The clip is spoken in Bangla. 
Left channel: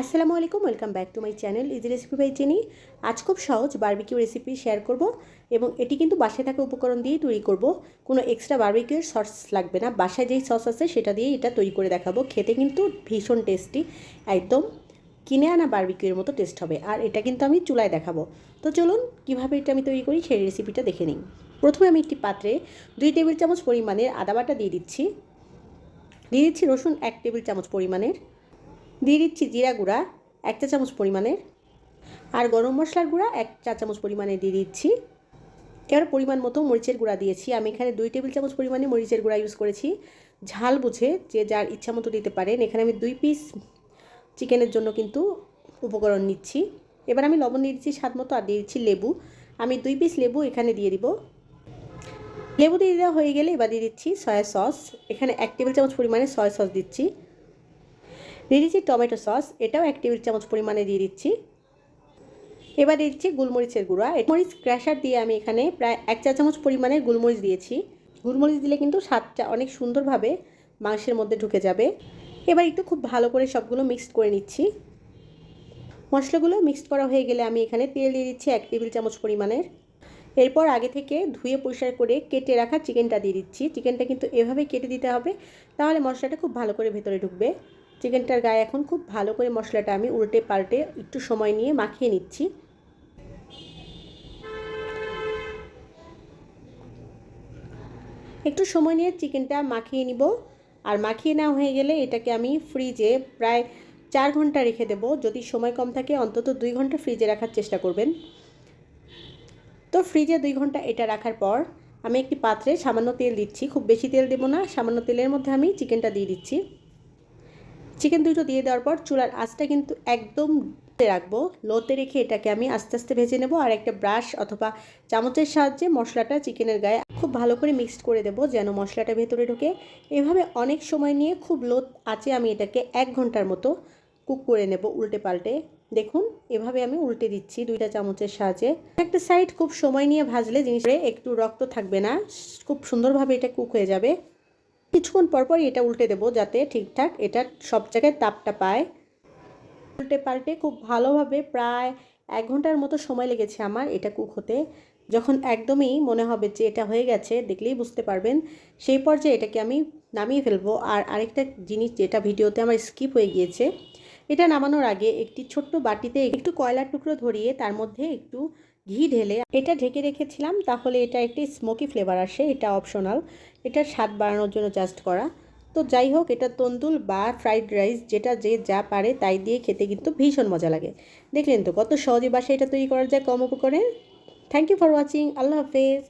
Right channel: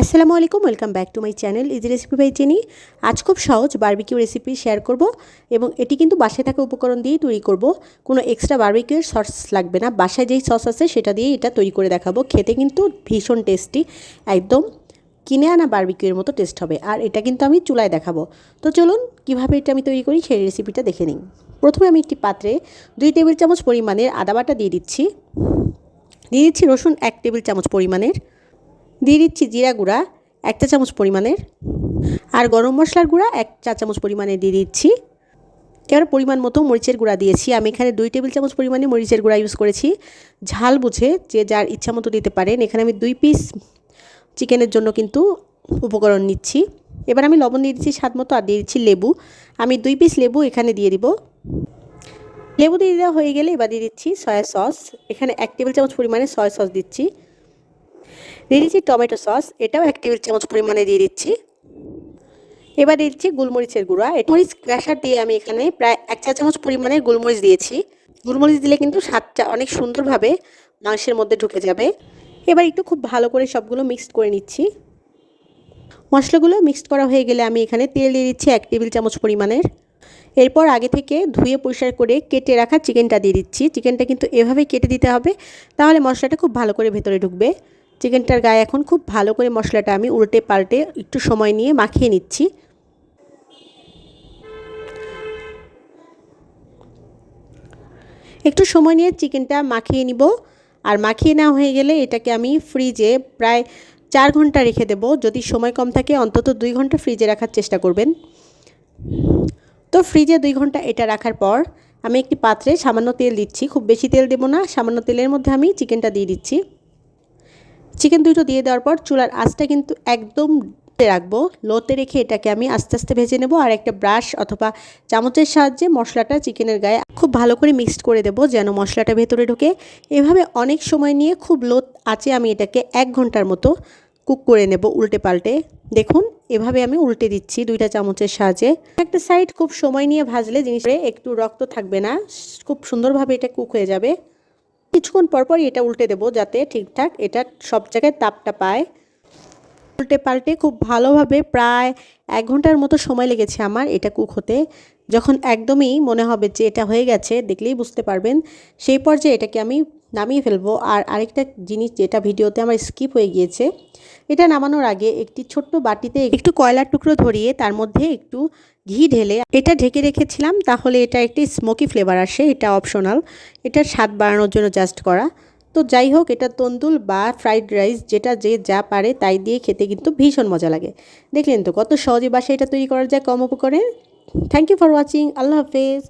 আসসালামু আলাইকুম, welcome back to my channel easy recipe by Jenny. আজ খুব সহজ বারবিকিউ রেসিপি শেয়ার করব এবং এটি কিন্তু বাসায় থাকা উপকরণ দিয়েই তৈরি করব। কোনো এক্সট্রা বারবিকিউর সস লাগবে না, বাসায় যেই সস আছে সেটা দিয়ে এটা তৈরি করে দেখাবো। খেতে কিন্তু ভীষণ টেস্টি, একদম কিনে আনা বারবিকিউর মতো টেস্ট হবে। আর এটা কিন্তু আমি চুলায় দেখাবো। তো চলুন কীভাবে এটা আমি তৈরি করি সেই রেসিপিটা দেখে নিই। প্রথমে আমি একটি পাত্রে 2 টেবিল চামচ পরিমাণের আদা বাটা দিয়ে দিচ্ছি রসুন 1 টেবিল চামচ পরিমাণের, দিয়ে দিচ্ছি জিরা গুঁড়া 1 চা চামচ পরিমাণের, আর গরম মশলার গুঁড়া 1 চা চামচ পরিমাণে দিয়ে দিচ্ছি। এবার পরিমাণ মতো মরিচের গুঁড়া দিয়েছি। আমি এখানে 2 টেবিল চামচ পরিমাণে মরিচের গুঁড়া ইউজ করেছি। ঝাল বুঝে যে যার ইচ্ছা মতো দিতে পারেন। এখানে আমি 2 পিস চিকেনের জন্য কিন্তু উপকরণ নিচ্ছি। এবার আমি লবণ দিয়ে দিচ্ছি স্বাদ মতো, আর দিয়ে দিচ্ছি লেবু। আমি 2 পিস লেবু এখানে দিয়ে দিব। লেবু দিয়ে দেওয়া হয়ে গেলে এবার দিয়ে দিচ্ছি সয়া সস। এখানে 1 টেবিল চামচ পরিমাণে সয়া সস দিচ্ছি। দিয়ে দিচ্ছি টমেটো সস, এটাও 1 টেবিল চামচ পরিমাণে দিয়ে দিচ্ছি। এবার দিয়ে দিচ্ছি গোলমরিচের গুঁড়া। মরিচ ক্র্যাশার দিয়ে আমি এখানে প্রায় 1 চা চামচ পরিমাণে গোলমরিচ দিয়েছি। গোলমরিচ দিলে কিন্তু স্বাদটা অনেক সুন্দরভাবে মাংসের মধ্যে ঢুকে যাবে। এবার একটু খুব ভালো করে সবগুলো মিক্সড করে নিচ্ছি। মশলাগুলো মিক্সড করা হয়ে গেলে আমি এখানে তেল দিয়ে দিচ্ছি 1 টেবিল চামচ পরিমাণের। এরপর আগে থেকে ধুয়ে পরিষ্কার করে কেটে রাখা চিকেনটা দিয়ে দিচ্ছি। চিকেনটা কিন্তু এভাবেই কেটে দিতে হবে, তাহলে মশলাটা খুব ভালো করে ভেতরে ঢুকবে। চিকেনটার গায়ে এখন খুব ভালো করে মশলাটা আমি উল্টে পাল্টে একটু সময় নিয়ে মাখিয়ে নিচ্ছি। একটু সময় নিয়ে চিকেনটা মাখিয়ে নিব। আর মাখিয়ে নেওয়া হয়ে গেলে এটাকে আমি ফ্রিজে প্রায় 4 ঘন্টা রেখে দেব। যদি সময় কম থাকে অন্তত 2 ঘন্টা ফ্রিজে রাখার চেষ্টা করবেন। তো ফ্রিজে 2 ঘন্টা এটা রাখার পর আমি একটি পাত্রে সামান্য তেল দিচ্ছি। খুব বেশি তেল দেব না, সামান্য তেলের মধ্যে আমি চিকেনটা দিয়ে দিচ্ছি। চিকেন দুটো দিয়ে দেওয়ার পর চুলার আঁচটা কিন্তু একদম রাখবো, লোতে রেখে এটাকে আমি আস্তে আস্তে ভেজে নেব। আর একটা ব্রাশ অথবা চামচের সাহায্যে মশলাটা চিকেনের গায়ে খুব ভালো করে মিক্সড করে দেব, যেন মশলাটা ভেতরে ঢোকে। এভাবে অনেক সময় নিয়ে খুব লো আঁচে আমি এটাকে 1 ঘন্টার মতো কুক করে নেব উল্টে পাল্টে। দেখুন এভাবে আমি উল্টে দিচ্ছি 2টা চামচের সাহায্যে। একটা সাইড খুব সময় নিয়ে ভাজলে জিনিসটা একটু রক্ত থাকবে না, খুব সুন্দরভাবে এটা কুক হয়ে যাবে। কিছুক্ষণ পরপর এটা উল্টে দেব যাতে ঠিকঠাক এটা সব জায়গায় তাপটা পায়। উল্টে পাল্টে খুব ভালোভাবে প্রায় 1 ঘন্টার মতো সময় লেগেছে আমার এটা কুক হতে। যখন একদমই মনে হবে যে এটা হয়ে গেছে, দেখলেই বুঝতে পারবেন, সেই পর্যায়ে এটাকে আমি নামিয়ে ফেলবো। আর আরেকটা জিনিস যেটা ভিডিওতে আমার স্কিপ হয়ে গিয়েছে, এটা নামানোর আগে একটি ছোট্ট বাটিতে একটু কয়লার টুকরো ধরিয়ে তার মধ্যে একটু ঘি ঢেলে এটা ঢেকে রেখেছিলাম, তাহলে এটা একটি স্মোকি ফ্লেভার আসে। এটা অপশনাল, এটার স্বাদ বাড়ানোর জন্য জাস্ট করা। তো যাই হোক, এটা তন্দুর বা ফ্রাইড রাইস যেটা যে যা পারে তাই দিয়ে খেতে কিন্তু ভীষণ মজা লাগে। দেখলেন তো কত সহজে বাসায় এটা তৈরি করা যায় কম উপকরণে। Thank you for watching. আল্লাহ হাফেজ।